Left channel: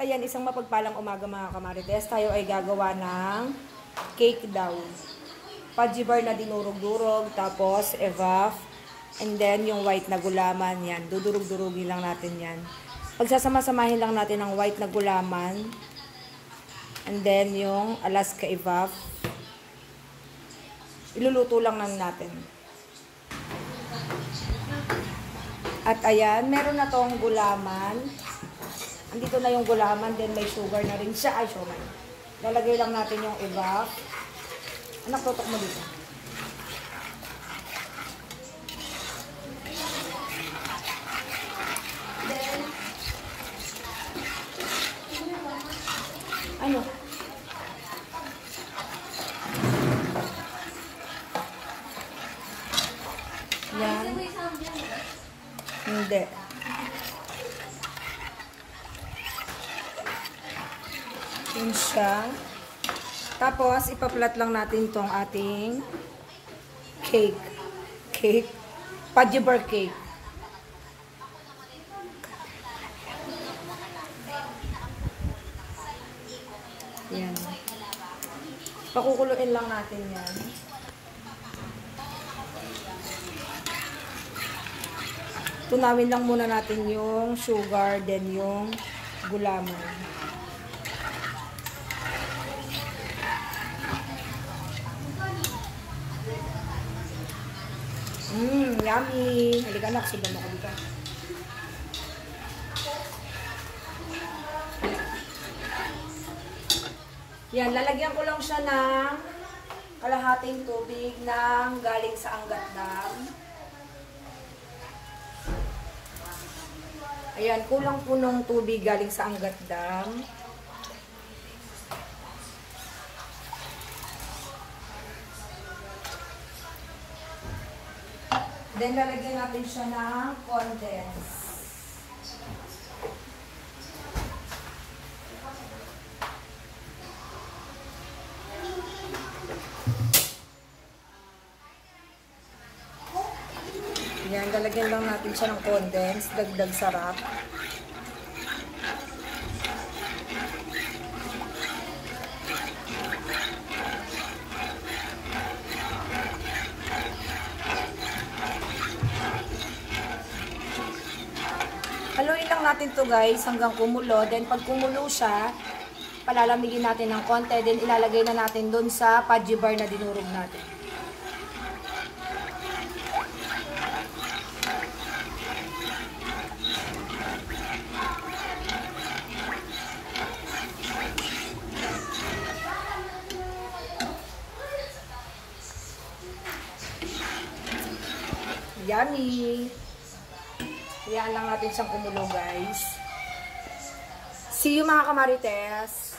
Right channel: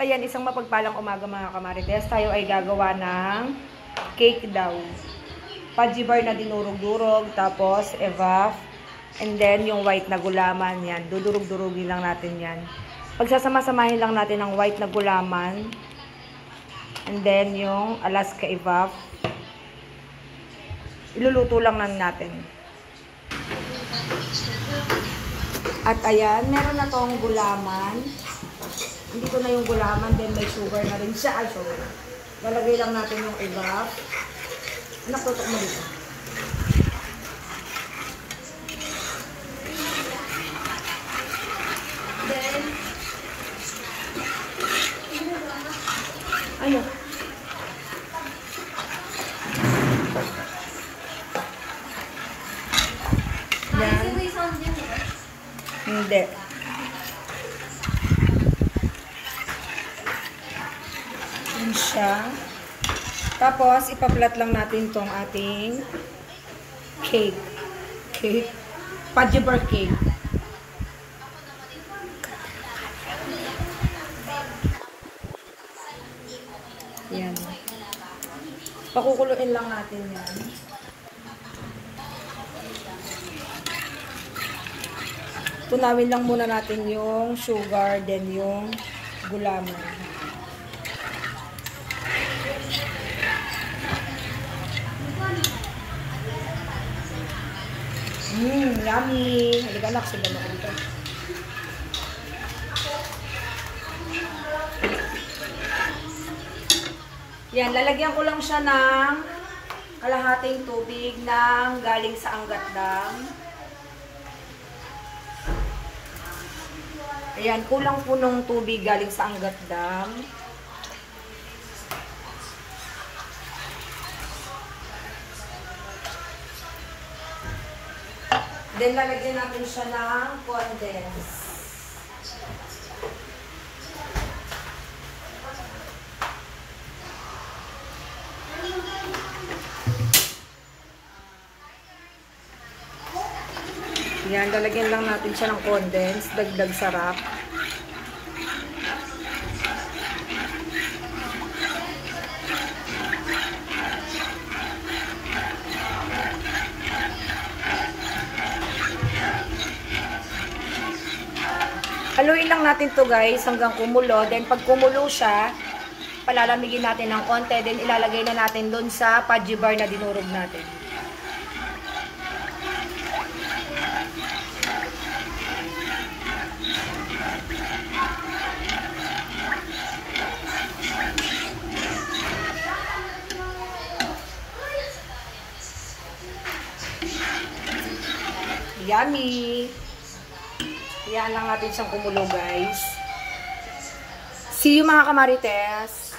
Ayan, isang mapagpalang umaga mga kamarites. Tayo ay gagawa ng cake daw. Fudgy bar na dinurog-durog, tapos evap, and then yung white na gulaman yan. Dudurog-durugin lang natin yan. Pagsasama-samahin lang natin ang white na gulaman, and then yung Alaska evap. Iluluto lang natin. At ayan, meron na tong gulaman. Dito na yung gulaman, then may sugar na rin siya. Ay, sugar. Lalagay lang natin yung evap. Nakutok mo dito. Then, ano? Yan. Hindi. Yan siya. Tapos, ipaplat lang natin tong ating cake. Fudgy bar cake. Yan. Pakukuluin lang natin yan. Tunawin lang muna natin yung sugar, then yung gulaman. Yummy! Halika anak, sudan na dito. Yan, lalagyan ko lang siya ng kalahating tubig ng galing sa Angat Dam. Ayan, kulang po ng tubig galing sa Angat Dam. Then, lalagyan natin siya ng condense. Yan, lalagyan lang natin siya ng condense. Dagdag sarap. Haluin lang natin to guys hanggang kumulo. Then pag kumulo siya, palalamigin natin ng konti. Then ilalagay na natin dun sa fudgy bar na dinurog natin. Yummy! Hayaan lang natin siyang kumulo guys. See you mga kamarites!